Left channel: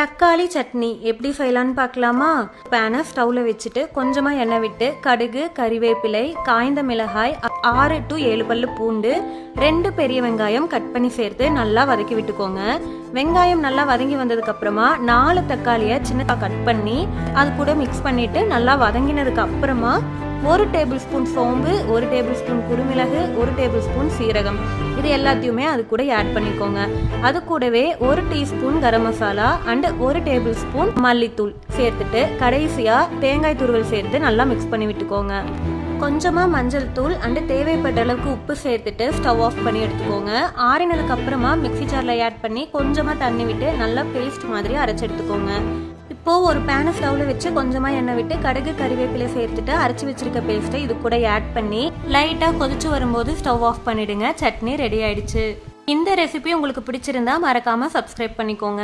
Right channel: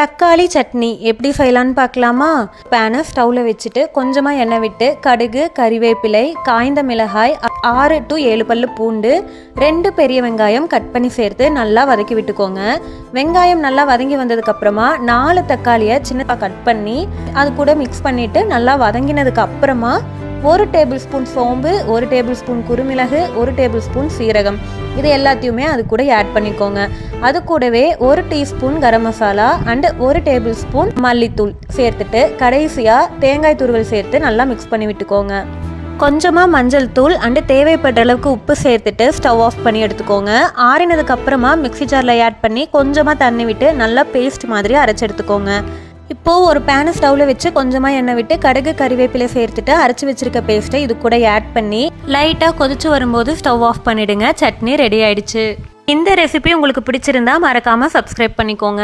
தக்காளி சட்னி எப்படி செய்யலான்னு பார்க்கலாமா? பேனை ஸ்டவ்வில் வச்சுட்டு கொஞ்சமாக எண்ணெய் விட்டு கடுகு, கறிவேப்பிலை, காய்ந்த மிளகாய், 6 to 7 பல்லு பூண்டு, 2 பெரிய வெங்காயம் கட் பண்ணி சேர்த்து நல்லா வதக்கி விட்டுக்கோங்க. வெங்காயம் நல்லா வதங்கி வந்ததுக்கப்புறமா 4 தக்காளியை சின்னதாக கட் பண்ணி அது கூட மிக்ஸ் பண்ணிவிட்டு நல்லா வதங்கினதுக்கு அப்புறமா 1 டேபிள் ஸ்பூன் சோம்பு, 1 டேபிள் ஸ்பூன் குருமிளகு, 1 டேபிள் ஸ்பூன் சீரகம், இது எல்லாத்தையுமே அது கூட ஆட் பண்ணிக்கோங்க. அது கூடவே 1 teaspoon garam masala and 1 table spoon மல்லித்தூள் சேர்த்துட்டு கடைசியாக தேங்காய் துருவல் சேர்த்து நல்லா மிக்ஸ் பண்ணி விட்டுக்கோங்க. கொஞ்சமாக மஞ்சள் தூள் அண்டு தேவைப்பட்ட அளவுக்கு உப்பு சேர்த்துட்டு ஸ்டவ் ஆஃப் பண்ணி எடுத்துக்கோங்க. ஆறினதுக்கு அப்புறமா மிக்ஸி ஜாரில் ஆட் பண்ணி கொஞ்சமாக தண்ணி விட்டு நல்லா பேஸ்ட் மாதிரி அரைச்சி எடுத்துக்கோங்க. இப்போது ஒரு பேனை ஸ்டவ்வில் வச்சு கொஞ்சமாக எண்ணெய் விட்டு கடுகு, கறிவேப்பிலை சேர்த்துட்டு அரைச்சி வச்சிருக்க பேஸ்ட்டை இது கூட ஆட் பண்ணி லைட்டாக கொதிச்சு வரும்போது ஸ்டவ் ஆஃப் பண்ணிடுங்க. சட்னி ரெடி ஆயிடுச்சு. இந்த ரெசிபி உங்களுக்கு பிடிச்சிருந்தா மறக்காமல் சப்ஸ்கிரைப் பண்ணிக்கோங்க.